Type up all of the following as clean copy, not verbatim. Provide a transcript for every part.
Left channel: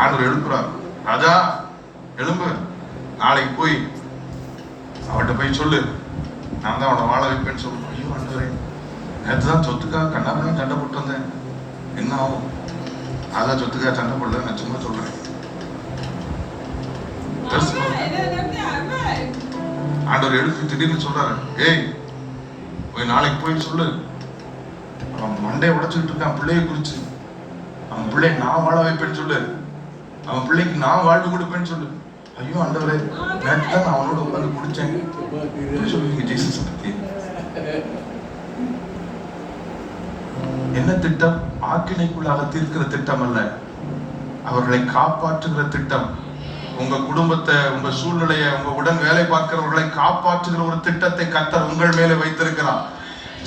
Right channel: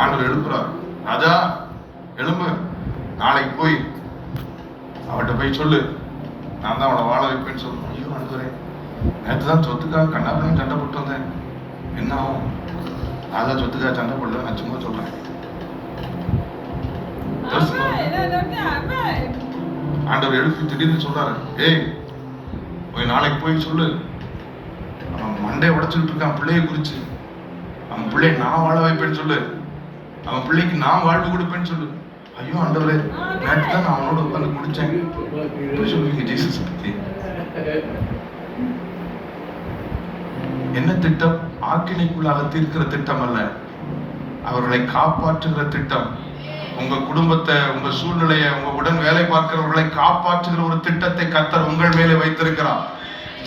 ஆண்டவர் எழுப்புறார், ராஜா எழும்பு, நாளைக்கு போய் அவட்ட போய் சொல்லு, நான் தான் அவளை வாழ வைப்பேன்னு சொல்லு. ஐயோ ஆண்டவரே, நேற்று தான் சொத்துக்காக கண்ணாபின்னு சண்டை போட்டு வந்தேன், என்ன ஆகும்? அதான் சொத்துக்காக சண்டை போடல, நான் சும்மா சொல்றேன். ஆண்டவர் எழுப்பி திடீர்னு சொல்றாரு, ஏய் போய் நாளைக்கு போய் சொல்லு, அவன் மண்டையை உடைச்சுக்கிட்டு இருக்கான் பிள்ளையை குறிச்சு, அவன் பிள்ளையை நான் வாழ வைப்பேன்னு சொல்லு, அவன் பிள்ளைக்கு நான் வாழ்வு கொடுப்பேன்னு சொல்லு. ஐயோ ஆண்டவரே, நேற்று தான் நான் அவனோட உட்காந்து முடிச்சேன். ஜீசஸ் பத்தி என்ன திட்டம்? ஆக்கினைக்குள்ளாக தீர்க்கிற திட்டம் அல்ல, அவர்களை காப்பாற்றுகிற திட்டம். உங்க குடும்பத்தை, உங்க சூழ்நிலையை, உங்க உடன் வேலை பார்க்கிறவர்களை காப்பாற்றுகிற ஒரு திட்டத்தை கர்த்தர் உங்கள் மேலே வைத்திருக்கிறார்.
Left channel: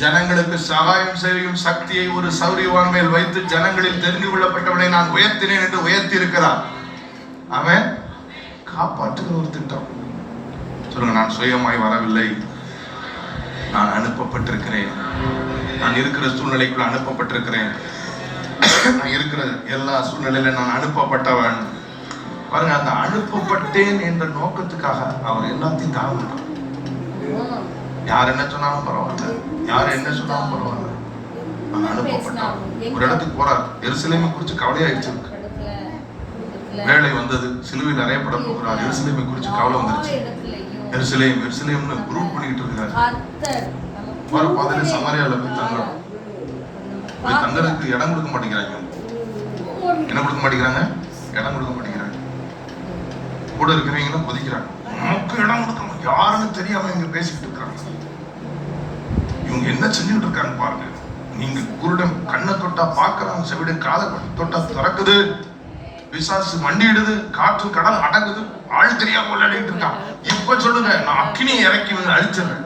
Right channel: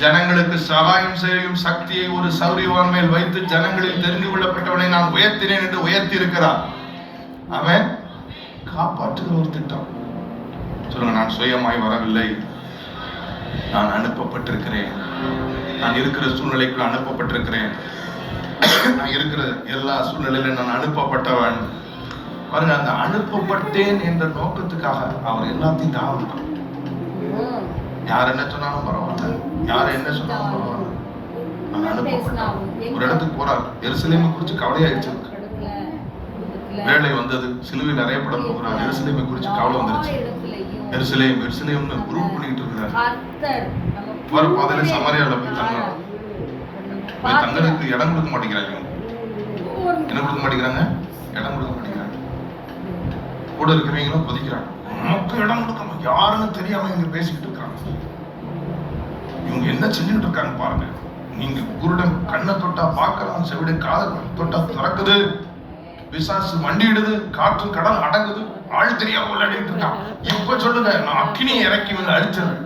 ஜனங்களுக்கு சகாயம் செய்யும் சக்தியை ஒரு சௌரியவான் மேல் வைத்து ஜனங்களில் தெரிந்து கொள்ளப்பட்டவனை நான் உயர்த்தினேன் என்று உயர்த்தி இருக்கிறார். அவன் காப்பாற்றுகிற ஒரு திட்டம். சொல்லுங்க, நான் சுயமாய் வரவில்லை, நான் அனுப்பப்பட்டிருக்கிறேன். நான் இருக்கிற சூழ்நிலைக்குள்ள அனுப்பப்பட்டிருக்கிறேன். நான் இருக்கிற எல்லா சூழ்நிலையில நான் அனுப்பப்பட்டவன். பாருங்க, அந்த அனுப்பப்பட்டேன் என்ற நோக்கத்துக்காக அவர் எல்லாத்தையும் தாழ்வு. யார் என்ன சொன்னாலும் பரவாயில்ல, யார் என்ன சொன்னாலும் பரவாயில்ல, நான் அனுப்பப்பட்டவன். ஒரு இடத்துக்கு போறார், எருசலேமை குறிச்சு கவலையாயிடுச்சு, வேலை வந்தது, சிலுவையில் அறையப்பட போகிறார், எருசலேமை குறிச்சு கவலை வந்துருச்சு. எருசலேம் எருசலேம்னு குரூப் பண்ணிட்டு இருக்கிறார். வர பாதையில சமாரியால போய் தங்குறாங்க. போய் தங்கறதுக்கு இடம் கொடுக்க மாட்டேங்கிறாங்க. என்ன கொடுக்க மாட்டேங்கிறாங்க? இடம் கொடுக்க மாட்டேங்கிறாங்க. கூட இருக்கிறவங்களும் கொதிக்கிறாங்க, நமக்கு இடம் கொடுக்க யாருன்னு தெரியாம இங்க பேசிக்கிட்டு இருக்காங்க. இவங்க என்ன செஞ்சுட்டு இருக்காங்க பாருங்க. நீங்க குருடன் கண்ணை தொட்டா பார்க்கலாம், செவிடன் காதை தொட்டா திறக்குது, பிசாசு மண்டிடுது, காற்று கடல் அடங்குது, ஆள் தெரியாம விளையாடிட்டு இருக்கான். இப்ப சொல்லுங்க, நான் அக்கினியை இறக்கி வந்து அழிச்சிடுறேன்.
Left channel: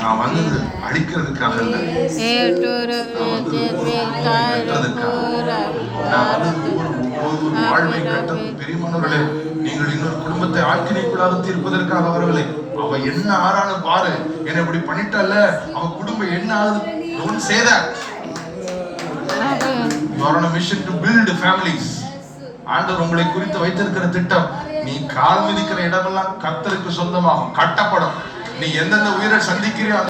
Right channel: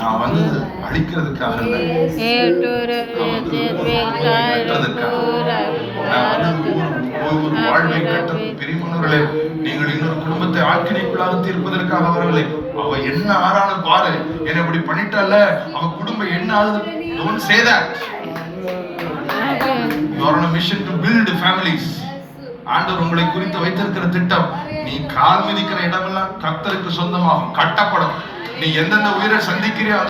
நான் வந்து அழிக்கிறதுக்காக பிரிமானவர்களே, நீங்கள் இன்னொரு குடும்பத்தை ஆக்கினைக்குள்ளாக தீர்ப்பதற்காக வரவில்லை. அவ என்ன ஆறாலும் பாரு, என்ன இப்படி பண்ணிட்டால, அவ குடும்பம் என்ன ஆகுது. Don't say that. You are on a mission to build families. ஆண்டவர் உங்களை குறித்து வைத்திருக்கிற திட்டம், நீ கால் மிதிக்கிற இடமெல்லாம் கர்த்தருக்கு சொந்தமாகும், கட்டப்படும். நீ எந்தெந்த உயிரை சந்திக்கிறியோ